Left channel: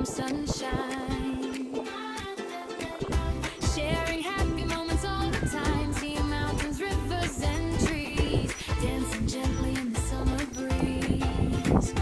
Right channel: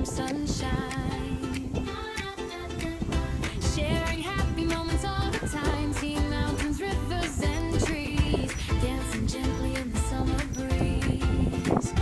warm sunshine. Sharing happy moments all the time. Seeing mountains, rivers, and trees. Dancing gently in the summer breeze.